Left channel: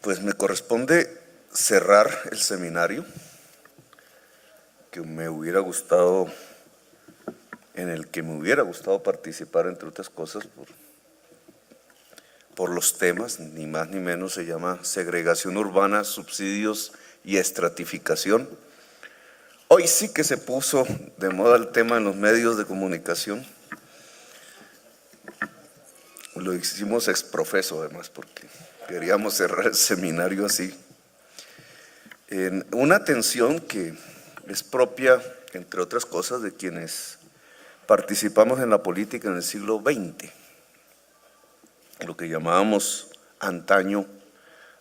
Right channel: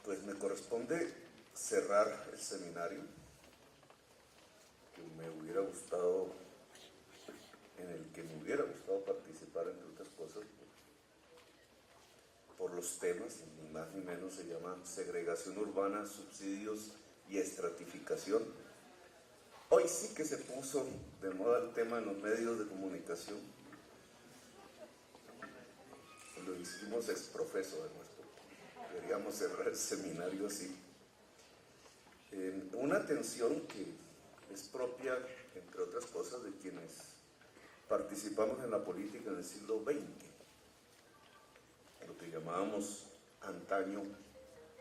Pues me corresponde cerrar el seminario que me hubiera gustado, en el que me hubiera gustado participar, entre otras cosas, por los temas, ni más ni menos. Se llama Segregación Urbana, Subsidios y Estratificación. Hoy sí que se puso de moda el tema en los medios de comunicación. Lo hicimos exprofeso además, porque queríamos cerrar el seminario así. En una tensión que es propia, entre otras cosas, de quienes participamos en la política en el siglo XX, lo que llamábamos antaño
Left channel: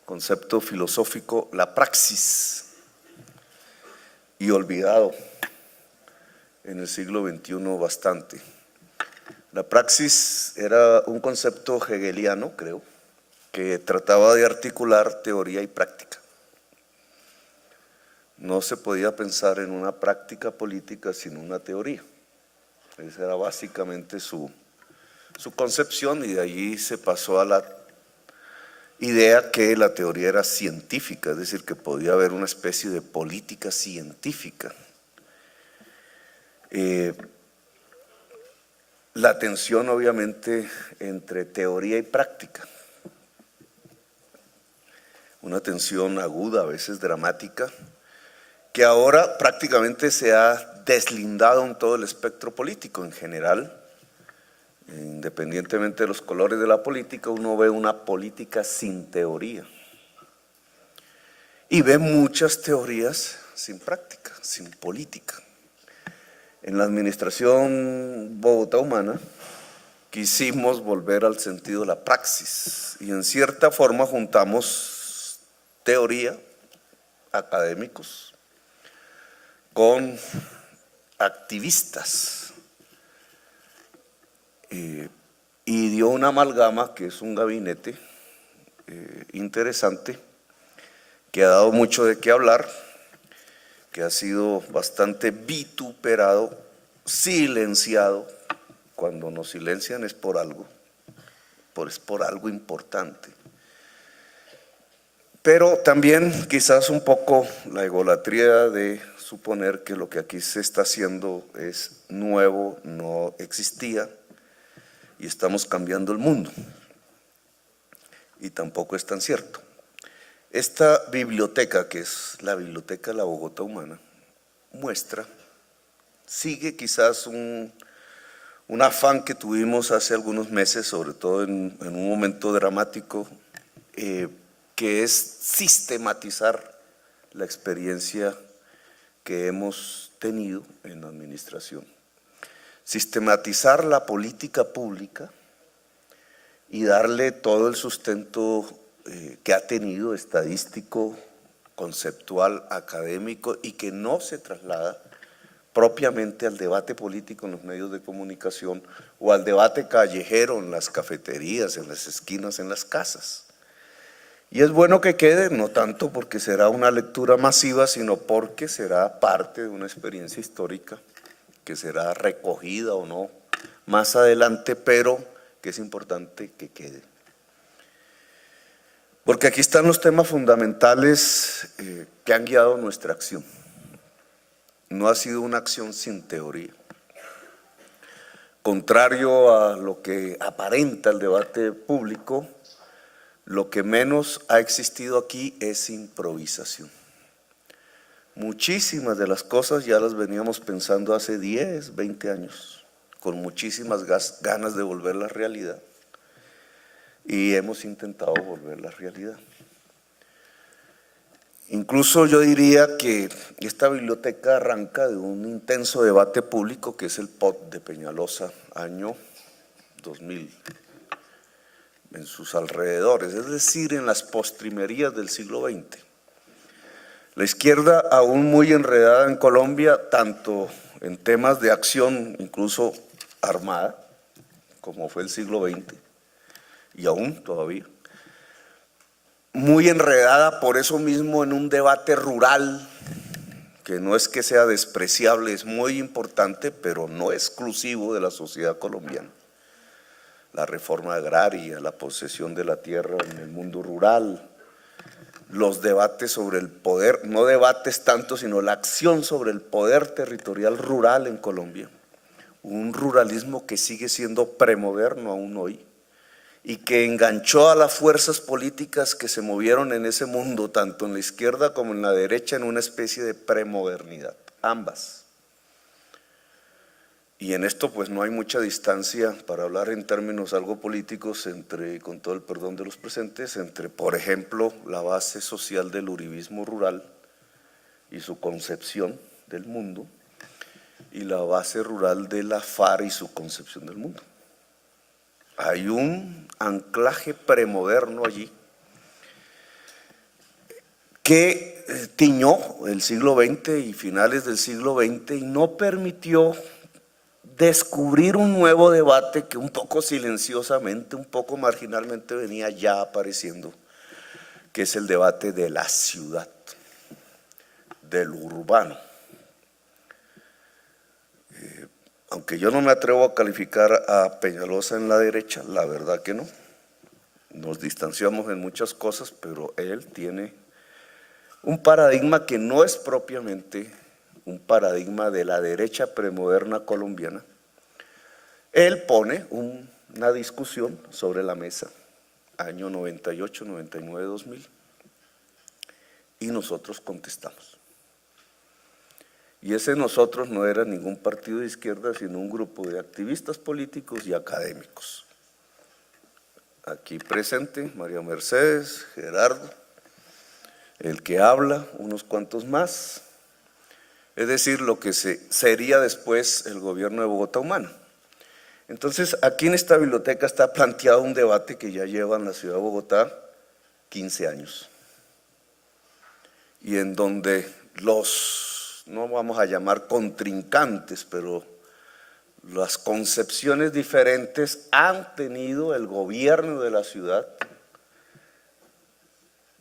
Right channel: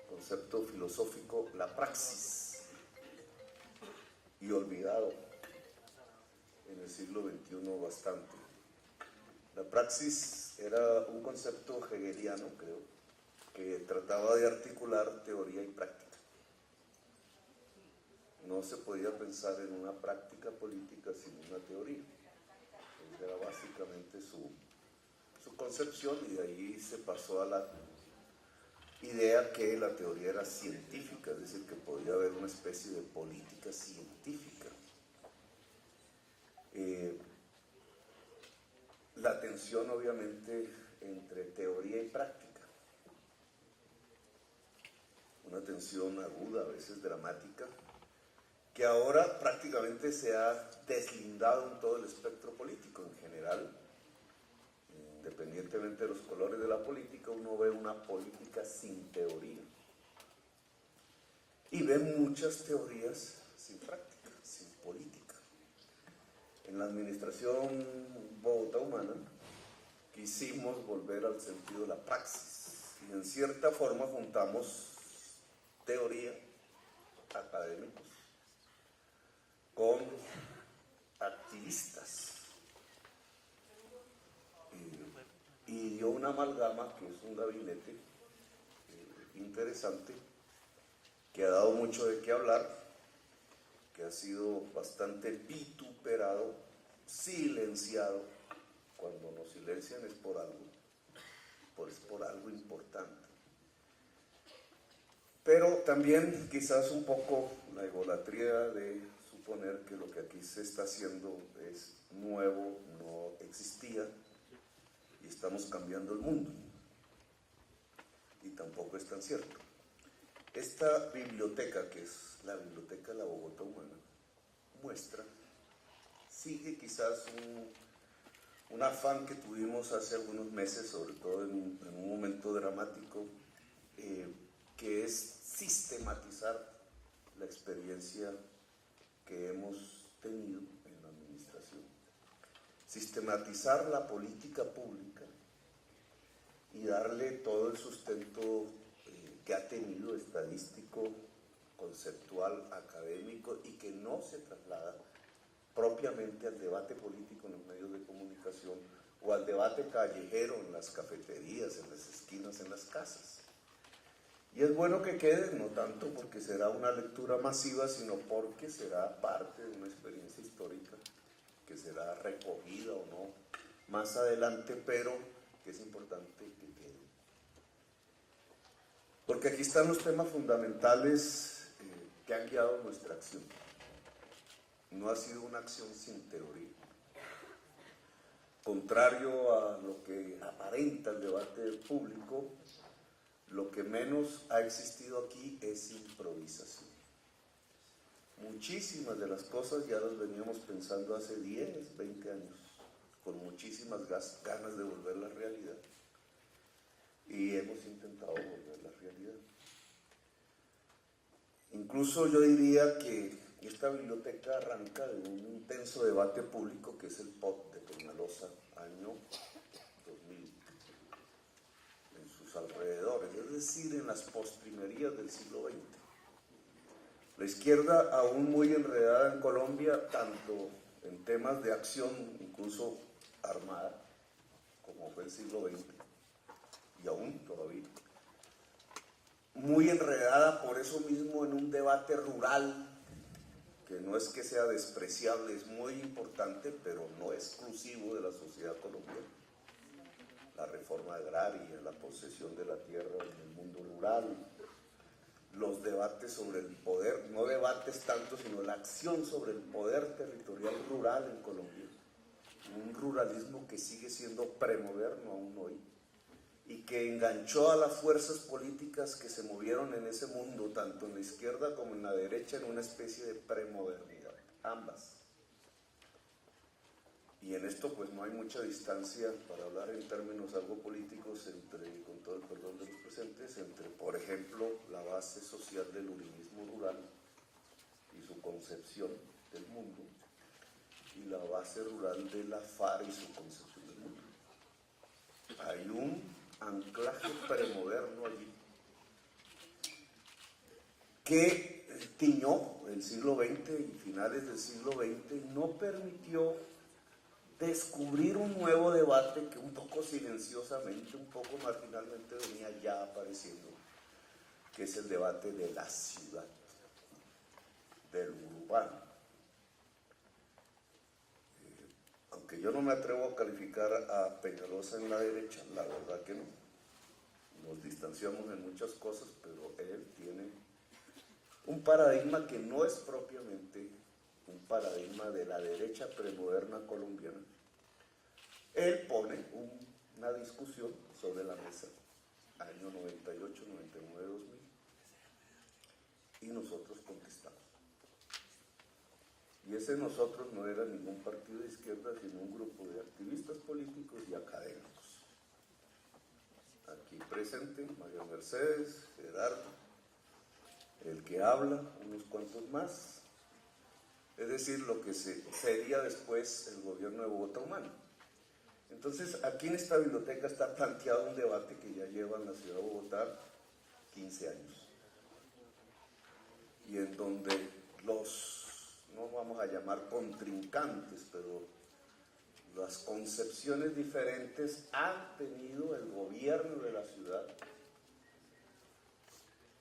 concepto filosófico, la praxis, y olvidado en el siglo XXI bastante. La praxis era un concepto hegeliano, creo, que trataba de articular teoría y práctica. No se podía pensar en una práctica política sin una teoría. Esa era básicamente su concepción, y de allí se pasó a la idea que la teoría era científica, es decir, que podía haber una especie de política científica. La tensión, obviamente, entre teoría y práctica, una tensión aguda, a veces dramática, que ahora prácticamente se ha deslindado en todo el espectro político en general. Independientemente de los colores de la política, uno ve una política sin teoría y ve muchas teorías sin práctica, sin política. En la administración Bogotá Humana quisimos volver al sentido de la praxis, y en cierta forma juntamos teoría, académicos, con activistas, y dio una amalgama que es un gabinete interesante, que ha dado mucho de qué hablar, que ha sido bastante vituperado, silenciado. Cuando nos silencian es por algo, es por algo importante. Pero también quizás un poco la egolatría de suponer que lo que aquí se está haciendo es nuevo, no existía, y estamos cambiando el mundo. Y tampoco es tan cierto. Esta biblioteca, que es la biblioteca de la Bogotá Humana, sigue quizás un afán que tuvimos hace algunos meses, sobre todo en un momento dramático, que es sistematizar la experiencia que hemos tenido en la administración. Sistematizar la política pública y darle todo el sustento que ha tenido, estadístico, conceptual, académico, y que no se traslada propiamente al debate político en los medios de comunicación o al debate callejero en las cafeterías, en las esquinas, en las casas. Y es bueno que quede, no tanto porque será una lectura masiva, sino porque será parte de una experiencia histórica que será recogida o no más adelante, pero que es importante que quede. Porque aquí están los temas fundamentales que han guiado nuestra acción. No ha sido una acción sin teoría. Contrario a lo que aparenta el debate público, lo que menos ha existido aquí es improvisación. Muchísimas de las cosas ya las veníamos pensando hace 10, 20 años, con muchísimas ganas de volver a la realidad, y hemos intentado volver a la realidad. Incluso yo diría que esta biblioteca arranca de un intenso debate público que es el POT de Peñalosa, año 2000, en sus alrededores, es decir, en las postrimerías del siglo XX. La izquierda, aún muy enredada en Colombia, tanto en temas de acción, incluso armada, como fue el siglo XX, y aún todavía, muy enredada por eso mismo en un debate rural, que no es que sea despreciable, es muy importante, pero no exclusivo de la sociedad colombiana. La reforma agraria, la posesión de la tierra en el mundo rural, los debates sobre el poder, no debates tanto, sino la acción sobre el poder territorial rural en Colombia. Un ruralismo que sigue siendo premoderno aún hoy y que enganchó a las fuerzas políticas que se movieron en ese mundo, tanto en la izquierda como en la derecha, en una especie de premodernidad, ambas. Y en esto pues no hay mucha distancia, para hablar en términos algo políticos, entre, con todo el perdón de los presentes, entre, por ejemplo, la base social del uribismo rural y su concepción del mundo, y la base rural de la FARC y su concepción del mundo. Hay un anclaje premoderno allí que tiñó el siglo XX y finales del siglo XX y no permitió descubrir un nuevo debate que un poco silenciosamente, un poco marginalmente venía ya apareciendo, que es el debate de la ciudad, del urbano. Aunque yo no me atrevo a calificar a Peñalosa en la derecha, la verdad que no. Nos distanciamos en muchas cosas, pero él tiene un paradigma que no es propiamente un paradigma de la derecha premoderna colombiana. Él pone una discusión sobre la mesa, año 98, 99, 2000, y nosotros contestamos. Y ese nosotros no era ningún partido de izquierda, sino un grupo de activistas políticos y académicos. Aquí presente, María Mercedes, Gerardo, el que habla, unos cuantos más, es decir, lo que sería después el gobierno de Bogotá Humana. Entonces, aquí en esta biblioteca está planteado un debate que ya lleva en la ciudad de Bogotá 15 años, y en donde los, no vamos a llamar contrincantes, pero las concepciones diferentes han tenido el gobierno de la ciudad,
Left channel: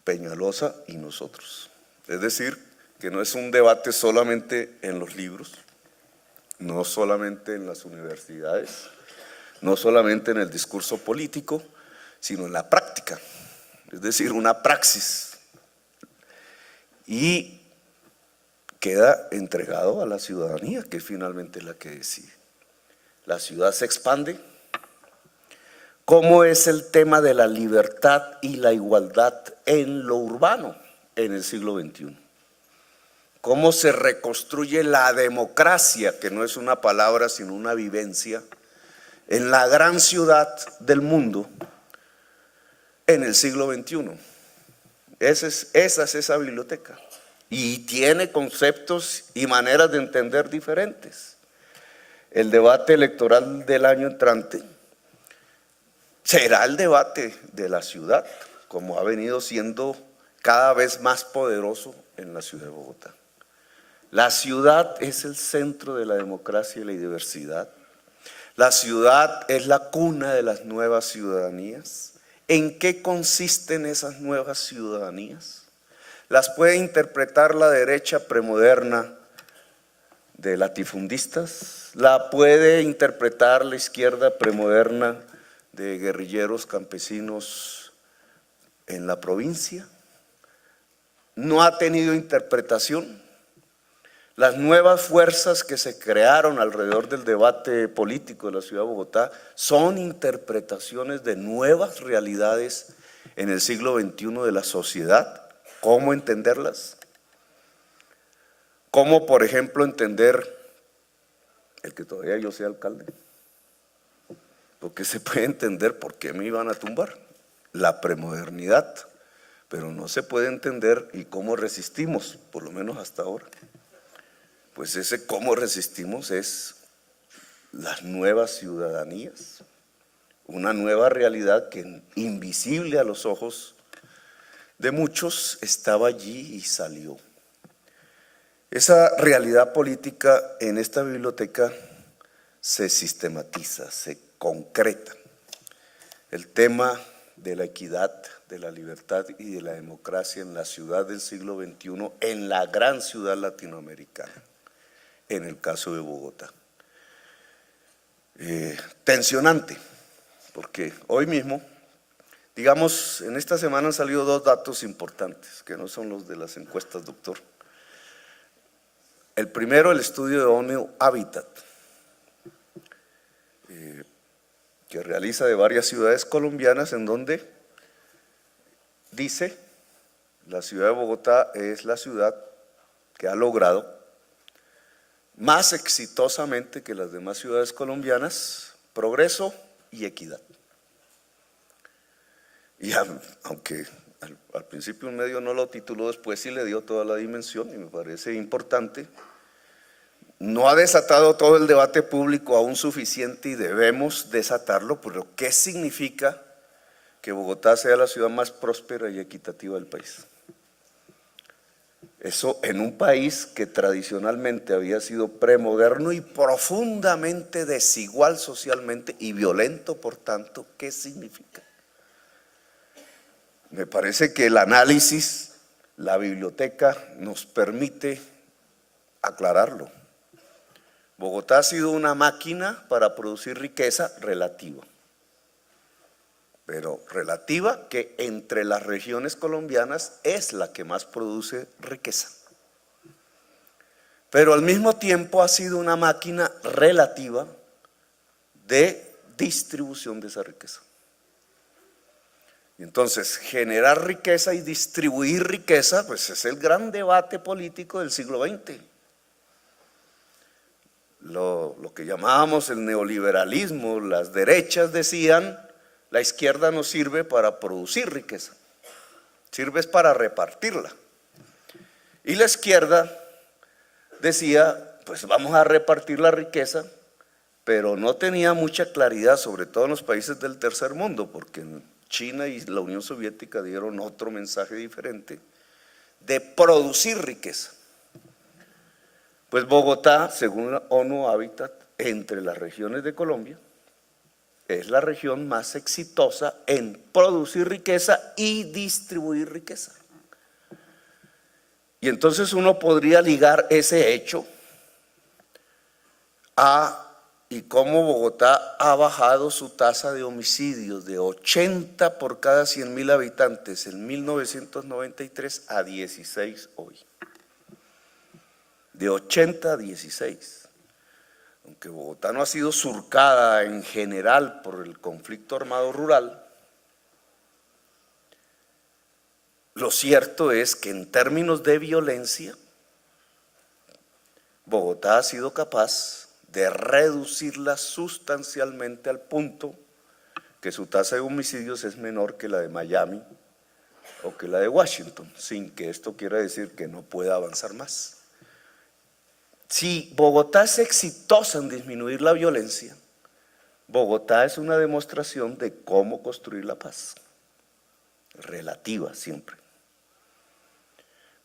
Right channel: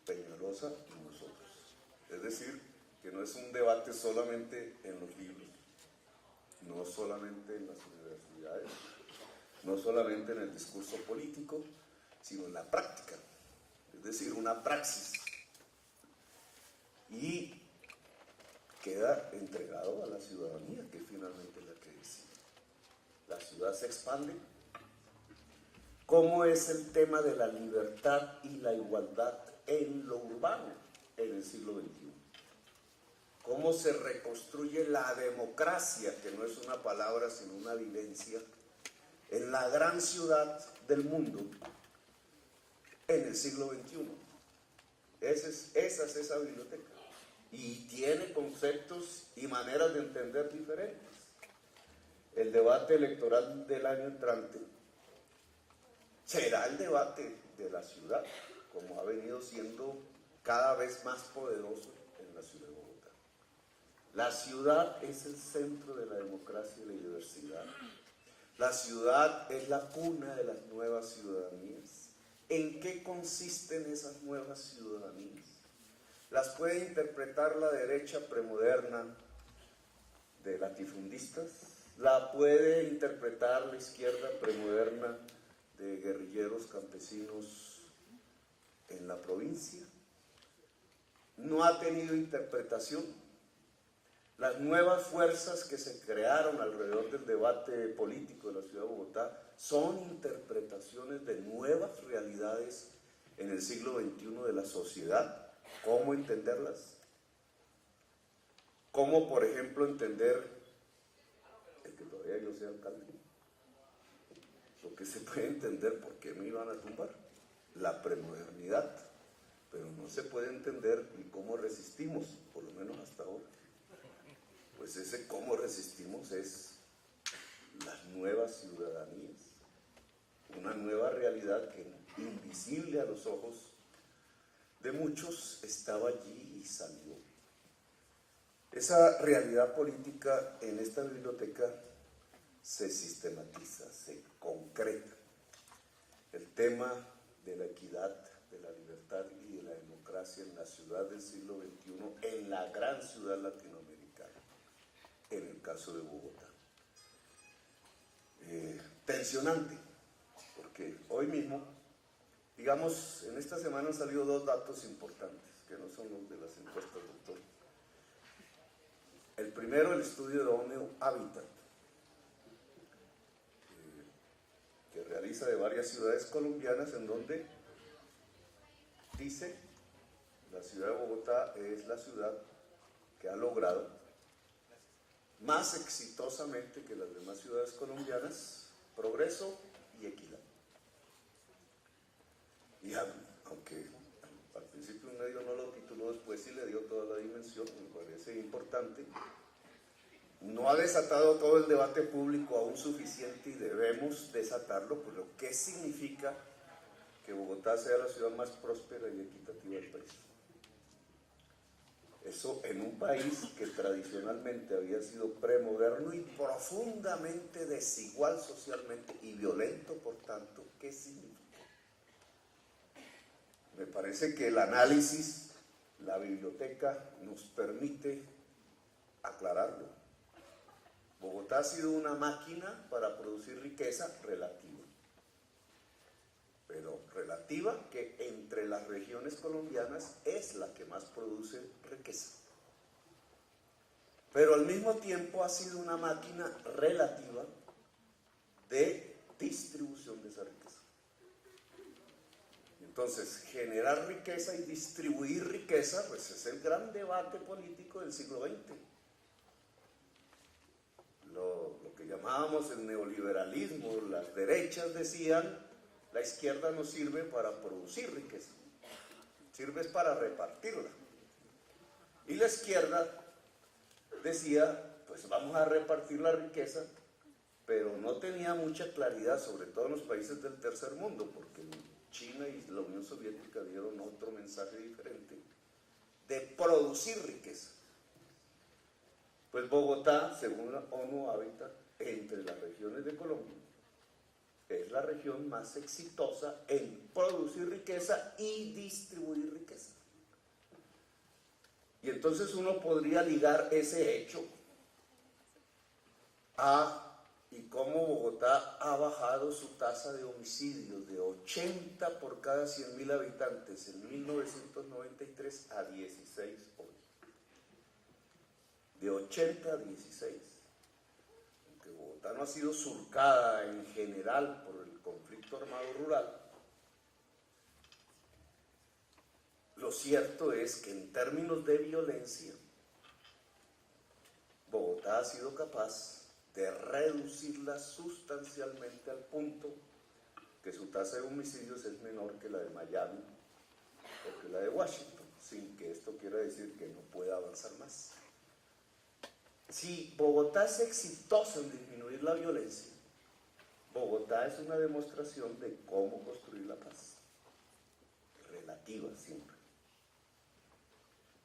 Peñalosa y nosotros. Es decir, que no es un debate solamente en los libros, no solamente en las universidades, no solamente en el discurso político, sino en la práctica, es decir, una praxis. Y queda entregado a la ciudadanía, que es finalmente la que decide. La ciudad se expande. ¿Cómo es el tema de la libertad y la igualdad en lo urbano en el siglo XXI? ¿Cómo se reconstruye la democracia, que no es una palabra sino una vivencia, en la gran ciudad del mundo en el siglo XXI? Esa es esa biblioteca. Y tiene conceptos y maneras de entender diferentes. El debate electoral del año entrante será el debate de la ciudad, como ha venido siendo cada vez más poderoso en la ciudad de Bogotá. La ciudad es el centro de la democracia y la diversidad. La ciudad es la cuna de las nuevas ciudadanías. ¿En qué consisten esas nuevas ciudadanías? Las puede interpretar la derecha premoderna de latifundistas, la puede interpretar la izquierda premoderna de guerrilleros campesinos en la provincia. No ha tenido interpretación. Las nuevas fuerzas que se crearon alrededor del debate político de la ciudad de Bogotá son interpretaciones de nuevas realidades en el siglo XXI de la sociedad. ¿Cómo entenderlas? ¿Cómo, por ejemplo, entender el que todavía yo sea alcalde? Porque se puede entender por qué me iban a tumbar, la premodernidad, pero no se puede entender y cómo resistimos, por lo menos hasta ahora. Pues ese cómo resistimos es las nuevas ciudadanías, una nueva realidad que invisible a los ojos de muchos estaba allí y salió. Esa realidad política en esta biblioteca se sistematiza, se concreta. El tema de la equidad, de la libertad y de la democracia en la ciudad del siglo XXI, en la gran ciudad latinoamericana, en el caso de Bogotá. Tensionante, porque hoy mismo Digamos, en esta semana han salido dos datos importantes, que no son los de las encuestas, doctor. El primero, el estudio de ONU Habitat, que realiza de varias ciudades colombianas, en donde dice, la ciudad de Bogotá es la ciudad que ha logrado más exitosamente que las demás ciudades colombianas progreso y equidad. Y aunque al principio un medio no lo tituló, después sí le dio toda la dimensión y me parece importante, no ha desatado todo el debate público aún suficiente y debemos desatarlo, pero ¿qué significa que Bogotá sea la ciudad más próspera y equitativa del país? Eso en un país que tradicionalmente había sido premoderno y profundamente desigual socialmente y violento, por tanto, ¿qué significa? Me parece que el análisis, la biblioteca nos permite aclararlo. Bogotá ha sido una máquina para producir riqueza relativa, pero relativa que entre las regiones colombianas es la que más produce riqueza. Pero al mismo tiempo ha sido una máquina relativa de distribución de esa riqueza. Entonces, generar riqueza y distribuir riqueza, pues es el gran debate político del siglo XX. Lo que llamábamos el neoliberalismo, las derechas decían, la izquierda no sirve para producir riqueza, sirve para repartirla. Y la izquierda decía, pues vamos a repartir la riqueza, pero no tenía mucha claridad, sobre todo en los países del tercer mundo, porque en China y la Unión Soviética dieron otro mensaje diferente, de producir riqueza. Pues Bogotá, según la ONU Habitat, entre las regiones de Colombia, es la región más exitosa en producir riqueza y distribuir riqueza. Y entonces uno podría ligar ese hecho a y cómo Bogotá ha bajado su tasa de homicidios de 80 por cada 100.000 habitantes en 1993 a 16 hoy. De 80 a 16. Aunque Bogotá no ha sido surcada en general por el conflicto armado rural, lo cierto es que en términos de violencia, Bogotá ha sido capaz de reducirla sustancialmente al punto que su tasa de homicidios es menor que la de Miami o que la de Washington, sin que esto quiera decir que no pueda avanzar más. Si Bogotá es exitosa en disminuir la violencia, Bogotá es una demostración de cómo construir la paz, relativa siempre.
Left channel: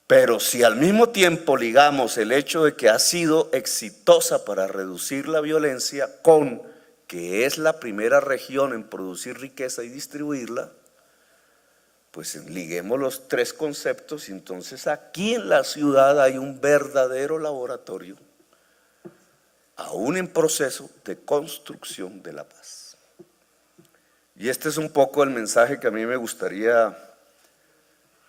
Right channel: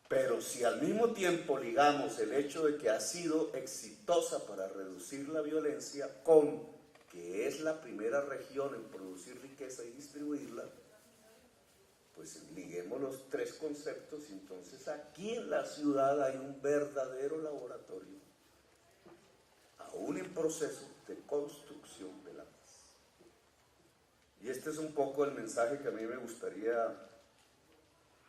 Pero si al mismo tiempo ligamos el hecho de que ha sido exitosa para reducir la violencia con que es la primera región en producir riqueza y distribuirla, pues liguemos los tres conceptos y entonces aquí en la ciudad hay un verdadero laboratorio, aún en proceso de construcción de la paz. Y este es un poco el mensaje que a mí me gustaría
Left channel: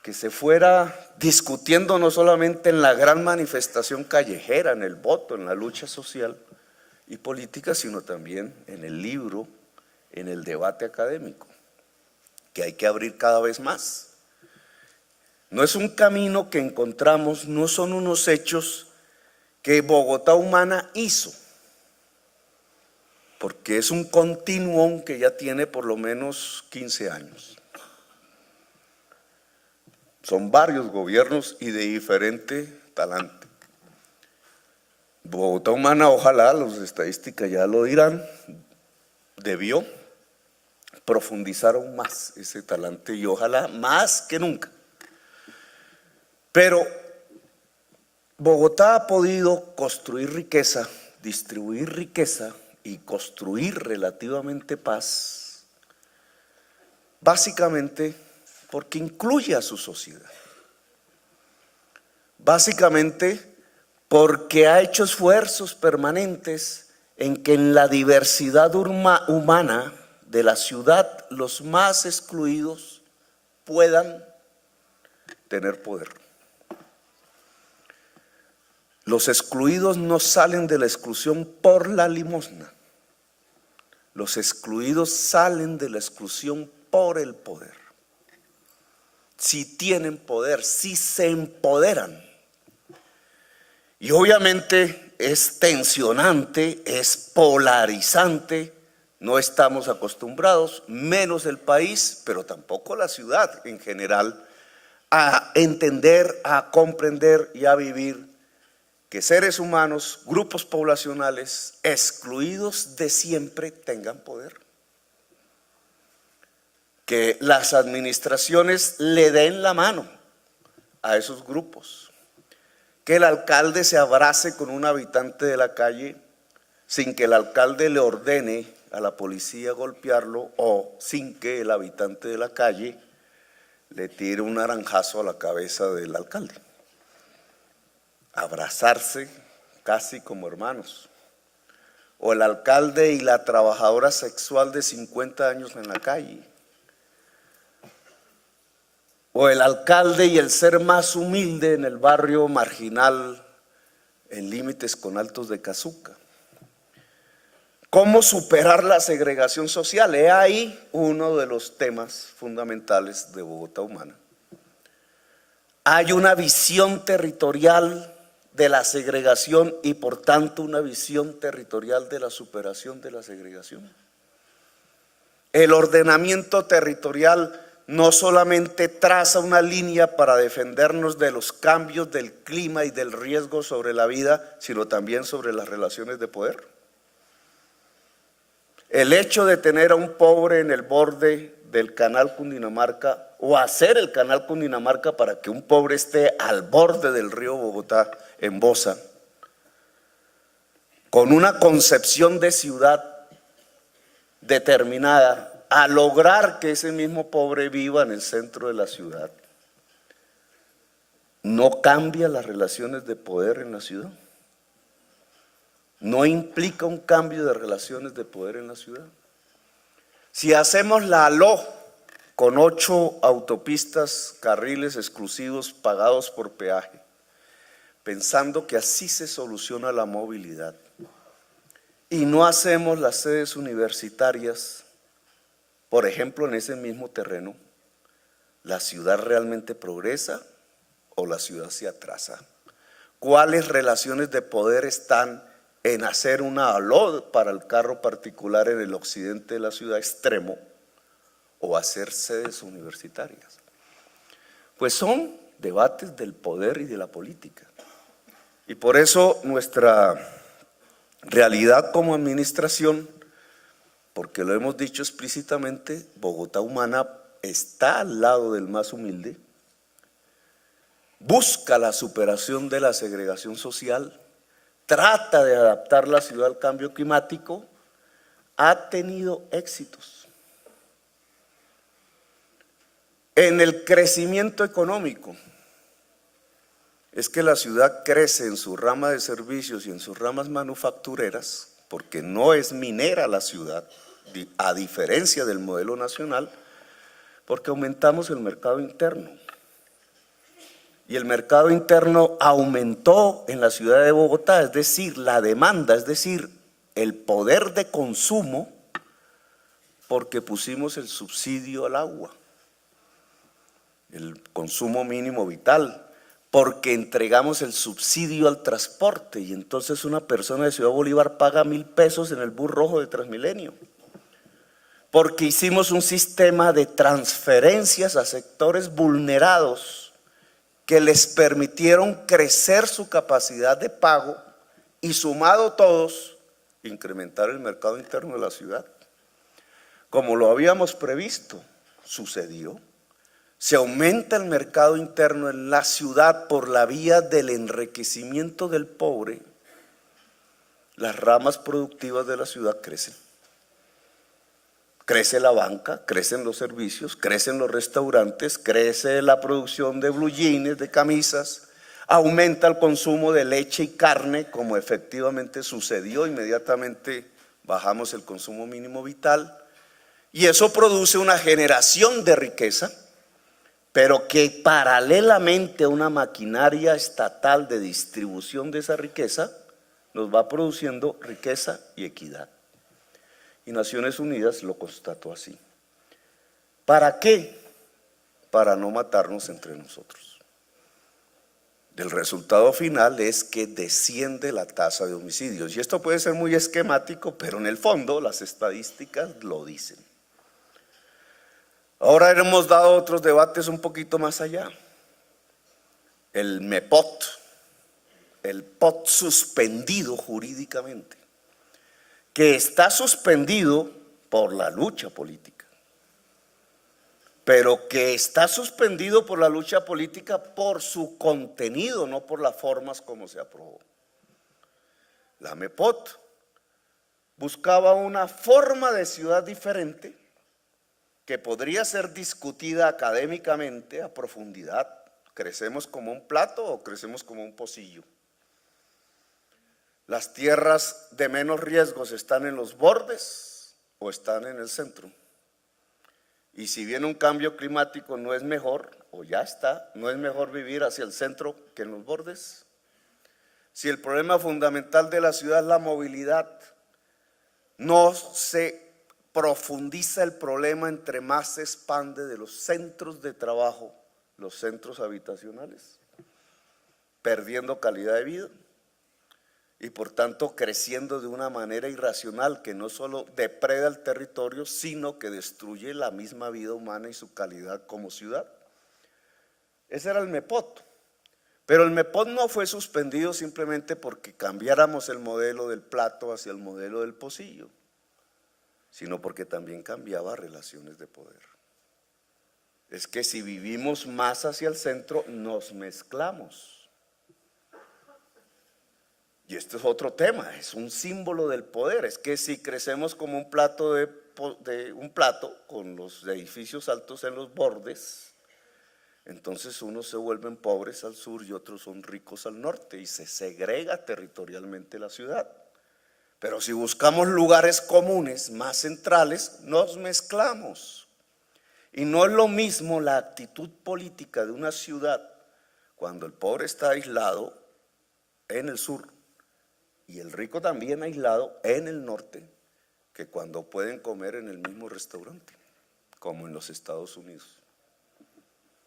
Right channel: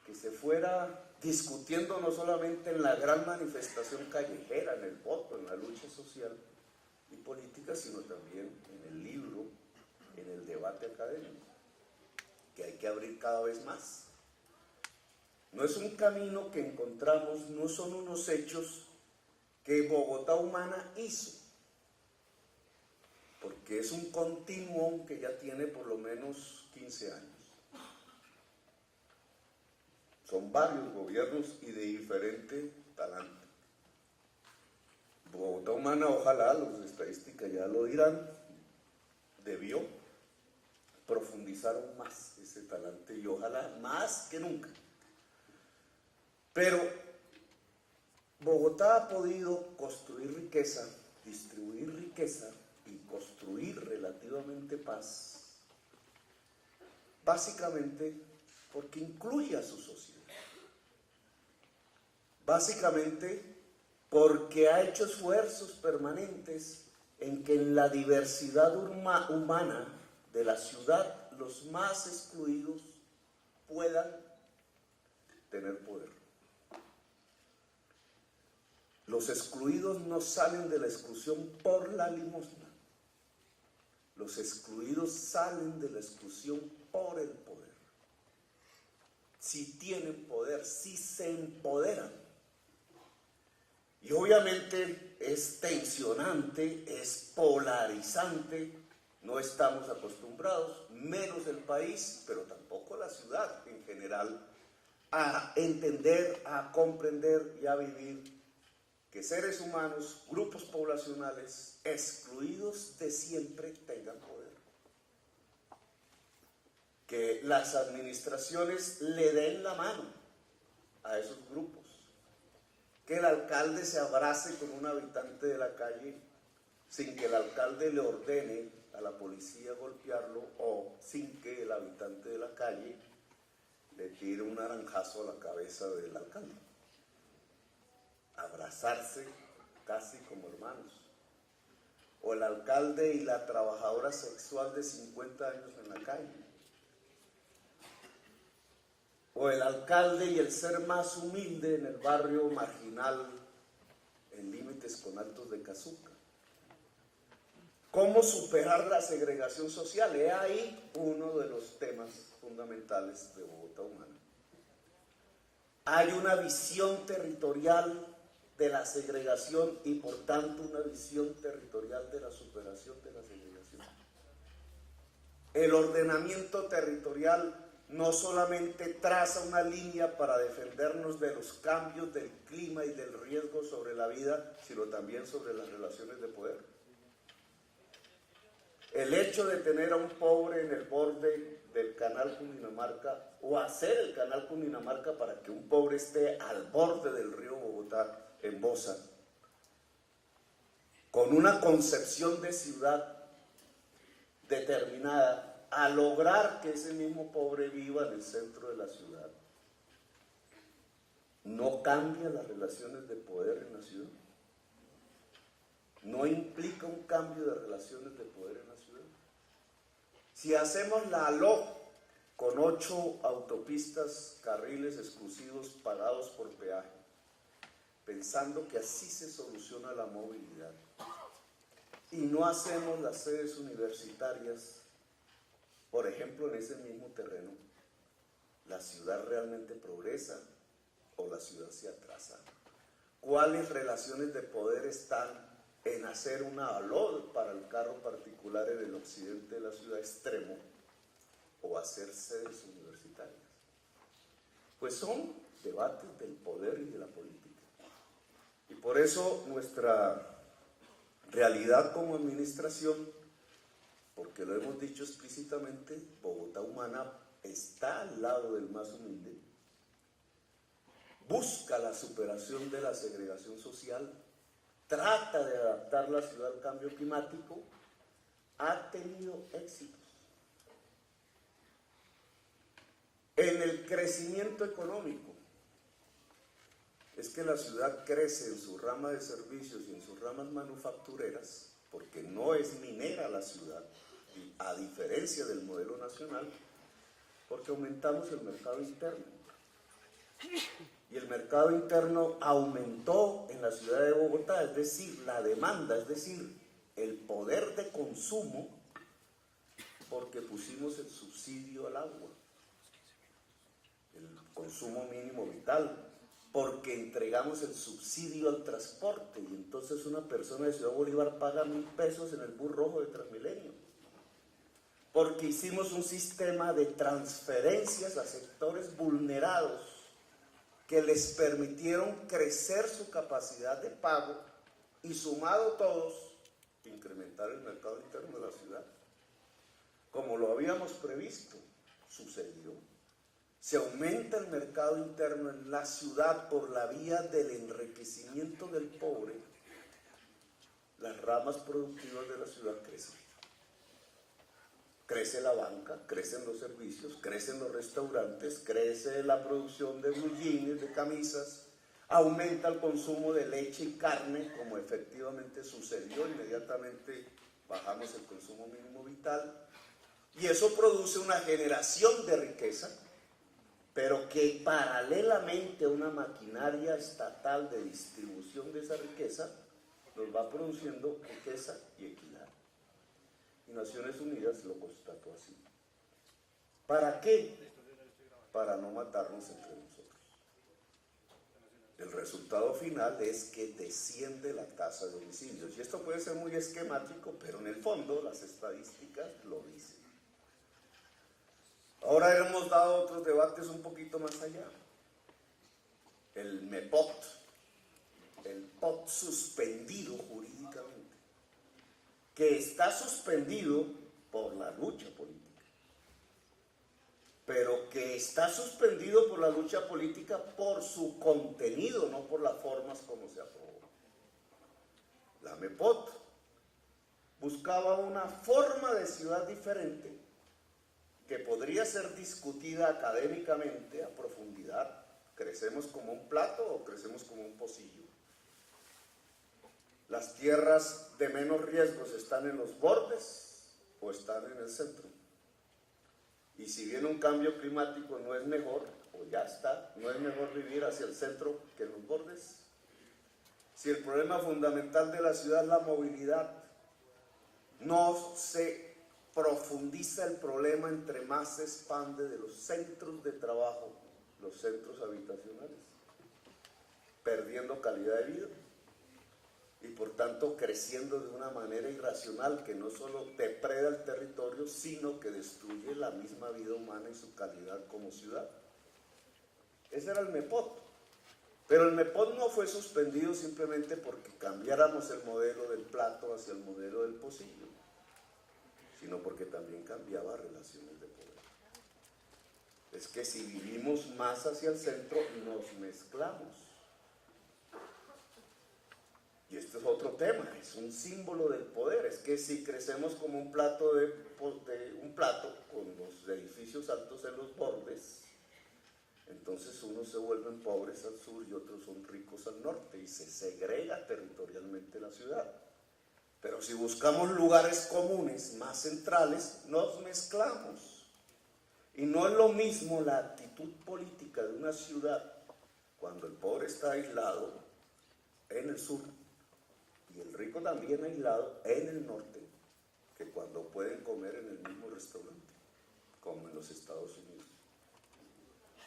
que se fuera discutiendo no solamente en la gran manifestación callejera, en el voto, en la lucha social y política, sino también en el libro, en el debate académico, que hay que abrir cada vez más. No es un camino que encontramos, no son unos hechos que Bogotá Humana hizo, porque es un continuum que ya tiene por lo menos 15 años. Son varios gobiernos y de diferente talante. Bogotá Humana, ojalá, las estadísticas ya lo dirán, debió profundizar aún más ese talante y ojalá más que nunca. Pero Bogotá ha podido construir riqueza, distribuir riqueza y construir relativamente paz, básicamente porque incluye a su sociedad. Básicamente porque ha hecho esfuerzos permanentes en que en la diversidad humana de la ciudad, los más excluidos, puedan tener poder. Los excluidos no salen de la exclusión por la limosna. Los excluidos salen de la exclusión por el poder. Si tienen poder, si se empoderan. Y obviamente es tensionante, es polarizante. No estamos acostumbrados, menos el país, pero tampoco la ciudad en general, a entender, a comprender y a vivir que seres humanos, grupos poblacionales excluidos de siempre tengan poder. Que las administraciones le den la mano a esos grupos. Que el alcalde se abrace con un habitante de la calle sin que el alcalde le ordene a la policía golpearlo o sin que el habitante de la calle le tire un naranjazo a la cabeza del alcalde. Abrazarse casi como hermanos. O el alcalde y la trabajadora sexual de 50 años en la calle. O el alcalde y el ser más humilde en el barrio marginal en límites con Altos de Cazuca. ¿Cómo superar la segregación social? He ahí uno de los temas fundamentales de Bogotá Humana. Hay una visión territorial de la segregación y por tanto una visión territorial de la superación de la segregación. El ordenamiento territorial no solamente traza una línea para defendernos de los cambios del clima y del riesgo sobre la vida, sino también sobre las relaciones de poder. El hecho de tener a un pobre en el borde del canal Cundinamarca o hacer el canal Cundinamarca para que un pobre esté al borde del río Bogotá en Bosa, con una concepción de ciudad determinada, a lograr que ese mismo pobre viva en el centro de la ciudad, no cambia las relaciones de poder en la ciudad. No implica un cambio de relaciones de poder en la ciudad. Si hacemos la ALO con 8 autopistas, carriles exclusivos pagados por peaje, pensando que así se soluciona la movilidad, y no hacemos las sedes universitarias, por ejemplo, en ese mismo terreno, ¿la ciudad realmente progresa o la ciudad se atrasa? ¿Cuáles relaciones de poder están en hacer una ALO para el carro particular en el occidente de la ciudad extremo o hacer sedes universitarias? Pues son debates del poder y de la política. Y por eso nuestra realidad como administración, porque lo hemos dicho explícitamente, Bogotá Humana está al lado del más humilde, busca la superación de la segregación social, trata de adaptar la ciudad al cambio climático, ha tenido éxitos. En el crecimiento económico, es que la ciudad crece en su rama de servicios y en sus ramas manufactureras, porque no es minera la ciudad, a diferencia del modelo nacional, porque aumentamos el mercado interno. Y el mercado interno aumentó en la ciudad de Bogotá, es decir, la demanda, es decir, el poder de consumo, porque pusimos el subsidio al agua, el consumo mínimo vital, porque entregamos el subsidio al transporte y entonces una persona de Ciudad Bolívar paga 1.000 pesos en el bus rojo de Transmilenio, porque hicimos un sistema de transferencias a sectores vulnerados que les permitieron crecer su capacidad de pago y sumado todos, incrementar el mercado interno de la ciudad. Como lo habíamos previsto, sucedió. Se aumenta el mercado interno en la ciudad por la vía del enriquecimiento del pobre, las ramas productivas de la ciudad crecen. Crece la banca, crecen los servicios, crecen los restaurantes, crece la producción de blue jeans, de camisas, aumenta el consumo de leche y carne, como efectivamente sucedió, inmediatamente bajamos el consumo mínimo vital, Y eso produce una generación de riqueza, pero que paralelamente a una maquinaria estatal de distribución de esa riqueza, nos va produciendo riqueza y equidad. Y Naciones Unidas lo constató así. ¿Para qué? Para no matarnos entre nosotros. El resultado final es que desciende la tasa de homicidios. Y esto puede ser muy esquemático, pero en el fondo las estadísticas lo dicen. Ahora hemos dado otros debates un poquito más allá. El MEPOT, el POT suspendido jurídicamente, que está suspendido por la lucha política, pero que está suspendido por la lucha política por su contenido, no por las formas como se aprobó. La MEPOT buscaba una forma de ciudad diferente que podría ser discutida académicamente a profundidad. ¿Crecemos como un plato o crecemos como un pocillo? ¿Las tierras de menos riesgos están en los bordes o están en el centro? Y si bien un cambio climático no es mejor, o ya está, no es mejor vivir hacia el centro que en los bordes. Si el problema fundamental de la ciudad es la movilidad, no se profundiza el problema entre más se expande de los centros de trabajo, los centros habitacionales, perdiendo calidad de vida y por tanto creciendo de una manera irracional que no solo depreda el territorio, sino que destruye la misma vida humana y su calidad como ciudad. Ese era el MEPOT. Pero el MEPOT no fue suspendido simplemente porque cambiáramos el modelo del plato hacia el modelo del pocillo, sino porque también cambiaba relaciones de poder. Es que si vivimos más hacia el centro, nos mezclamos. Y esto es otro tema, es un símbolo del poder. Es que si crecemos como un plato con los edificios altos en los bordes, entonces unos se vuelven pobres al sur y otros son ricos al norte y se segrega territorialmente la ciudad. Pero si buscamos lugares comunes más centrales, nos mezclamos. Y no es lo mismo la actitud política de una ciudad cuando el pobre está aislado en el sur y el rico también aislado en el norte, que cuando pueden comer en el mismo restaurante, como en los Estados Unidos.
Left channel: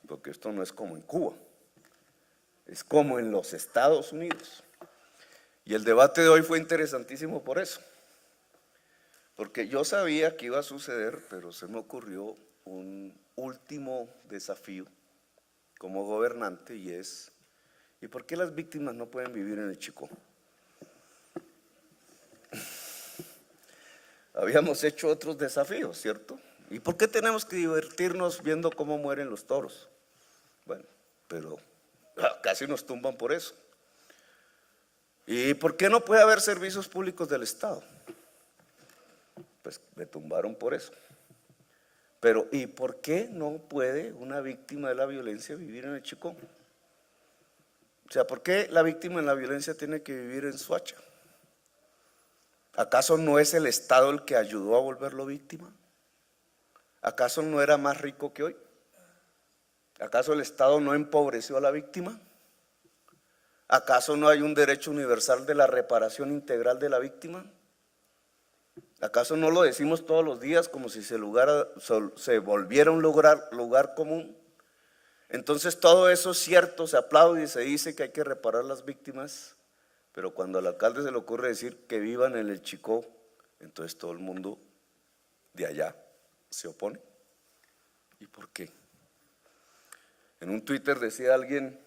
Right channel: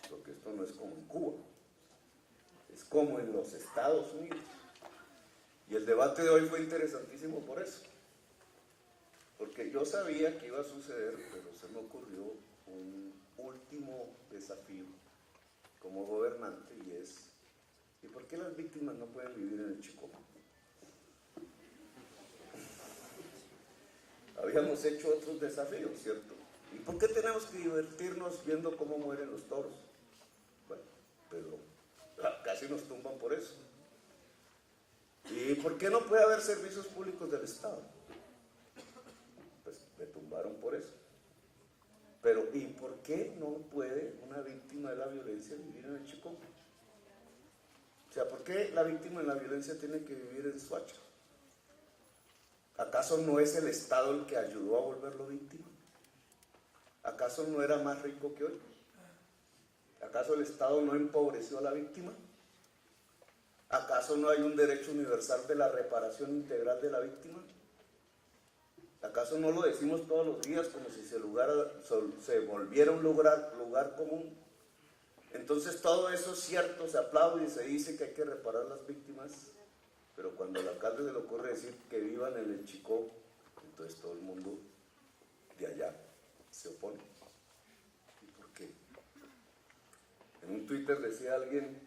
Porque esto no es como en Cuba, es como en los Estados Unidos. Y el debate de hoy fue interesantísimo por eso, porque yo sabía que iba a suceder, pero se me ocurrió un último desafío como gobernante y es, ¿y por qué las víctimas no pueden vivir en el Chicó? Habíamos hecho otros desafíos, ¿cierto? ¿Y por qué tenemos que divertirnos viendo cómo mueren los toros? Bueno, pero casi nos tumban por eso. ¿Y por qué no puede haber servicios públicos del Estado? Pues me tumbaron por eso. Pero ¿y por qué no puede una víctima de la violencia vivir en el Chicó? O sea, ¿por qué la víctima de la violencia tiene que vivir en Soacha? ¿Acaso no es el Estado el que ayudó a volverlo víctima? ¿Acaso no era más rico que hoy? ¿Acaso el Estado no empobreció a la víctima? ¿Acaso no hay un derecho universal de la reparación integral de la víctima? ¿Acaso no lo decimos todos los días como si se volviera un lugar común? Entonces todo eso es cierto, se aplaude y se dice que hay que reparar las víctimas, pero cuando al alcalde se le ocurre decir que vivan en el Chicó, entonces todo el mundo de allá se opone. ¿Y por qué? En un Twitter decía alguien,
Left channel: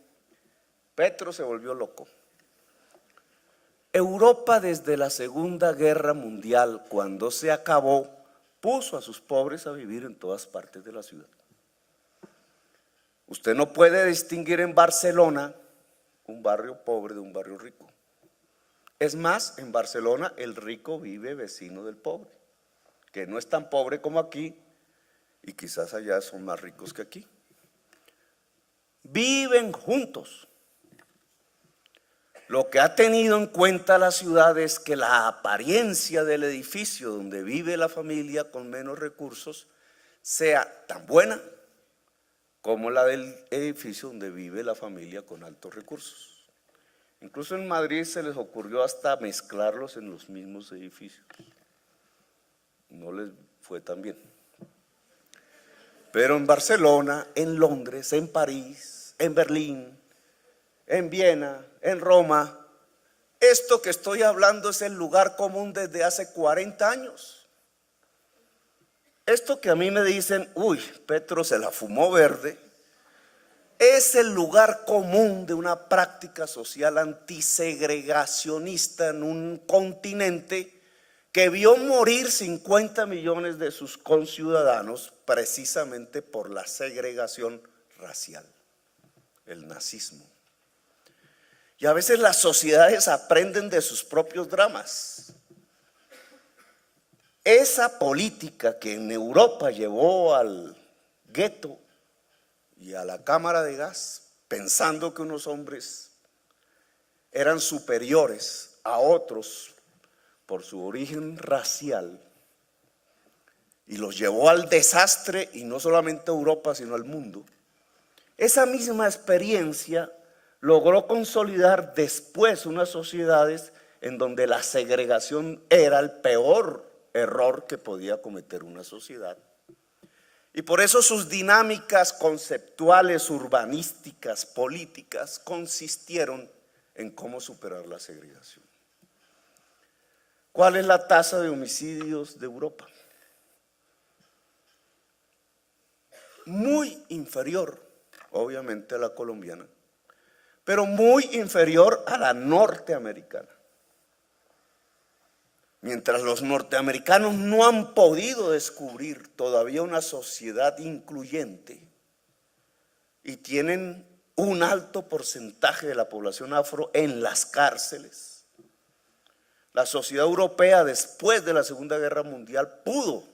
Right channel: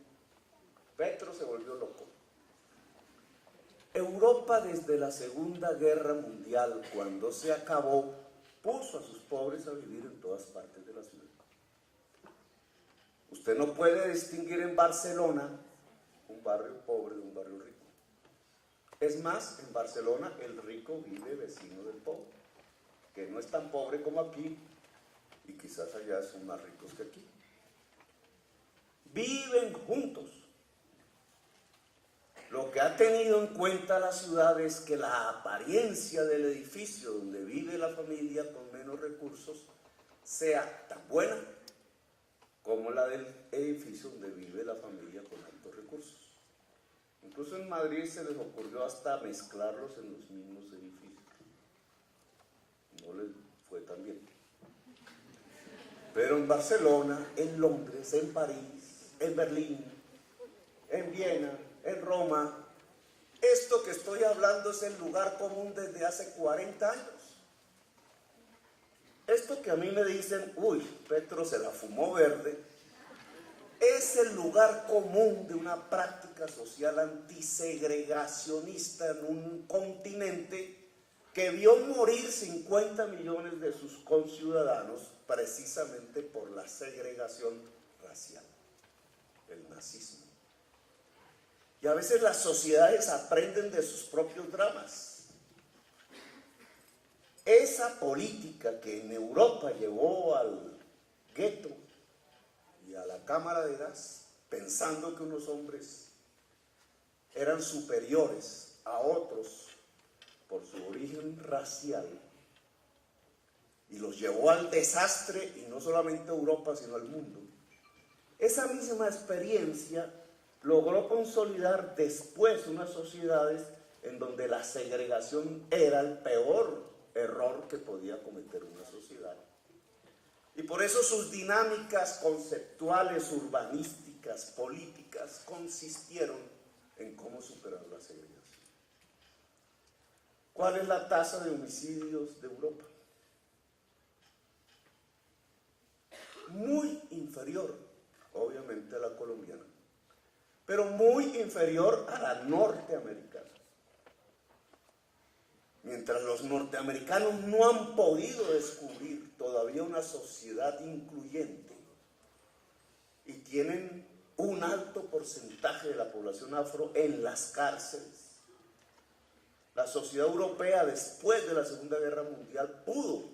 Petro se volvió loco. Europa desde la Segunda Guerra Mundial, cuando se acabó, puso a sus pobres a vivir en todas partes de la ciudad. Usted no puede distinguir en Barcelona un barrio pobre de un barrio rico. Es más, en Barcelona el rico vive vecino del pobre, que no es tan pobre como aquí y quizás allá son más ricos que aquí. Viven juntos. Lo que ha tenido en cuenta la ciudad es que la apariencia del edificio donde vive la familia con menos recursos sea tan buena como la del edificio donde vive la familia con altos recursos. Incluso en Madrid se les ocurrió hasta mezclarlos en los mismos edificios. No les fue tan bien. Pero en Barcelona, en Londres, en París, en Berlín, en Viena, en Roma, esto que estoy hablando es el lugar común desde hace 40 años. Esto que a mí me dicen, uy, Petro se la fumó verde, es el lugar común de una práctica social antisegregacionista en un continente que vio morir 50 millones de sus conciudadanos precisamente por la segregación racial, el nazismo. Y a veces las sociedades aprenden de sus propios dramas. Esa política que en Europa llevó al gueto y a la cámara de gas, pensando que unos hombres eran superiores a otros por su origen racial, y los llevó al desastre, y no solamente a Europa, sino al mundo. Esa misma experiencia logró consolidar después unas sociedades en donde la segregación era el peor error que podía cometer una sociedad. Y por eso sus dinámicas conceptuales, urbanísticas, políticas, consistieron en cómo superar la segregación. ¿Cuál es la tasa de homicidios de Europa? Muy inferior, obviamente, a la colombiana, pero muy inferior a la norteamericana. Mientras los norteamericanos no han podido descubrir todavía una sociedad incluyente y tienen un alto porcentaje de la población afro en las cárceles, la sociedad europea después de la Segunda Guerra Mundial pudo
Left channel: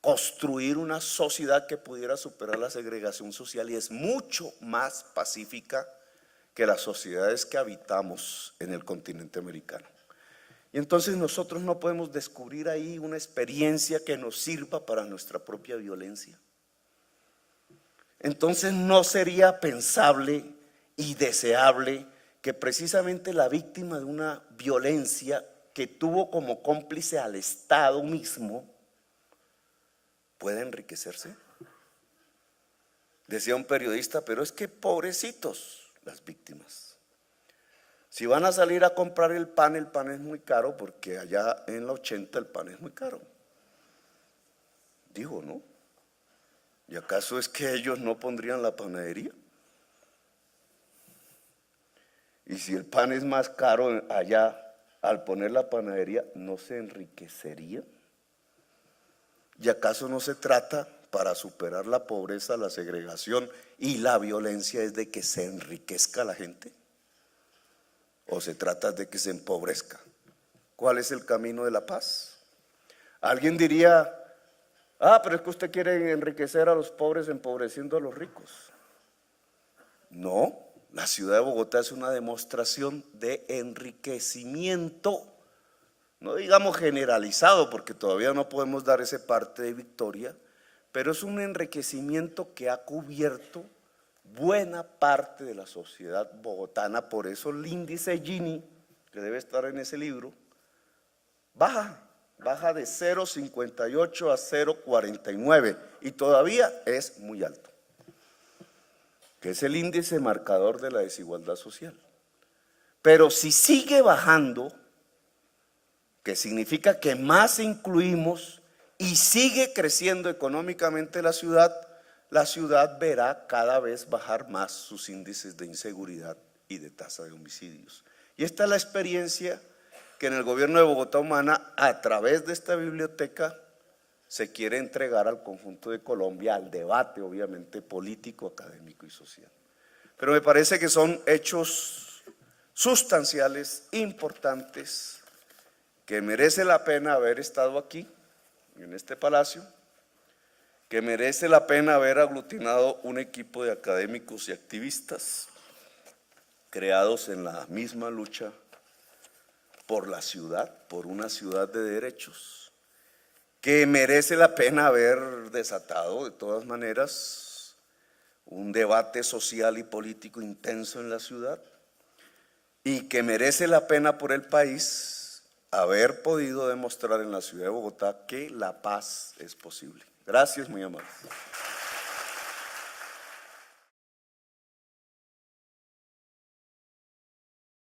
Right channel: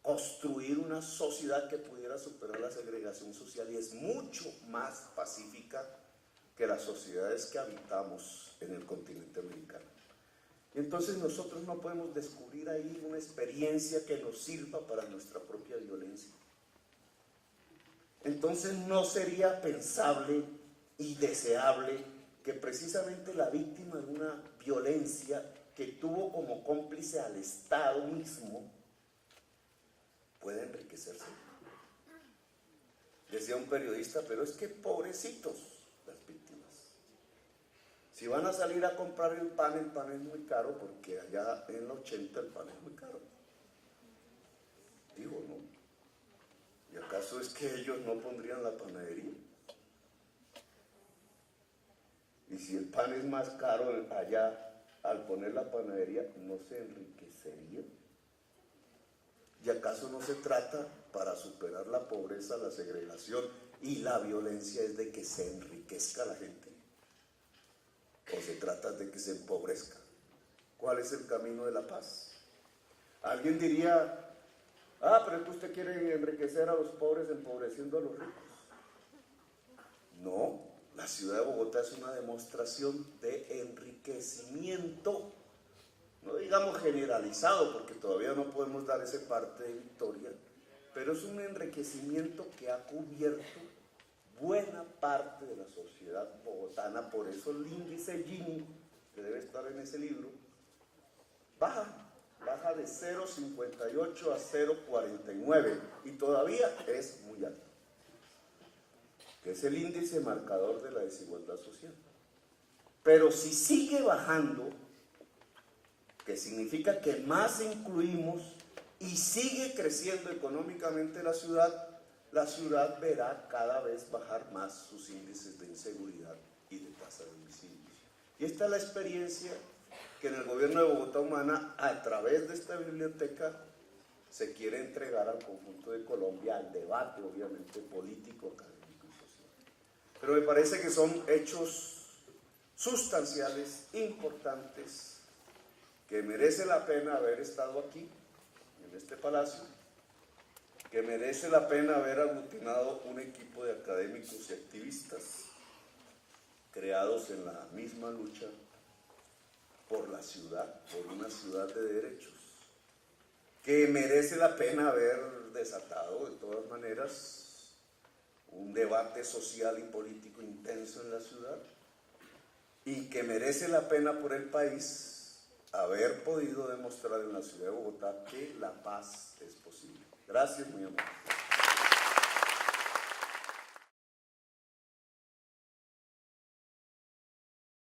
construir una sociedad que pudiera superar la segregación social y es mucho más pacífica que las sociedades que habitamos en el continente americano. Y entonces nosotros no podemos descubrir ahí una experiencia que nos sirva para nuestra propia violencia. Entonces no sería pensable y deseable que precisamente la víctima de una violencia que tuvo como cómplice al Estado mismo pueda enriquecerse. Decía un periodista, pero es que pobrecitos las víctimas. Si van a salir a comprar el pan es muy caro porque allá en la 80 el pan es muy caro. Digo, ¿no? ¿Y acaso es que ellos no pondrían la panadería? Y si el pan es más caro allá, al poner la panadería, ¿no se enriquecería? ¿Y acaso no se trata, para superar la pobreza, la segregación y la violencia, es de que se enriquezca la gente? ¿O se trata de que se empobrezca? ¿Cuál es el camino de la paz? Alguien diría, pero es que usted quiere enriquecer a los pobres empobreciendo a los ricos. No, la ciudad de Bogotá es una demostración de enriquecimiento, no digamos generalizado, porque todavía no podemos dar ese parte de victoria, pero es un enriquecimiento que ha cubierto buena parte de la sociedad bogotana. Por eso el índice Gini, que debe estar en ese libro, baja de 0,58 a 0,49 y todavía es muy alto, que es el índice marcador de la desigualdad social. Pero si sigue bajando, que significa que más incluimos y sigue creciendo económicamente la ciudad verá cada vez bajar más sus índices de inseguridad y de tasa de homicidios. Y esta es la experiencia que en el gobierno de Bogotá Humana, a través de esta biblioteca, se quiere entregar al conjunto de Colombia, al debate obviamente político, académico y social. Pero me parece que son hechos sustanciales, importantes, que merece la pena haber estado aquí, en este palacio, que merece la pena haber aglutinado un equipo de académicos y activistas, creados en la misma lucha por la ciudad, por una ciudad de derechos, que merece la pena haber desatado de todas maneras un debate social y político intenso en la ciudad, y que merece la pena por el país haber podido demostrar en la ciudad de Bogotá que la paz es posible. Gracias, muy amable.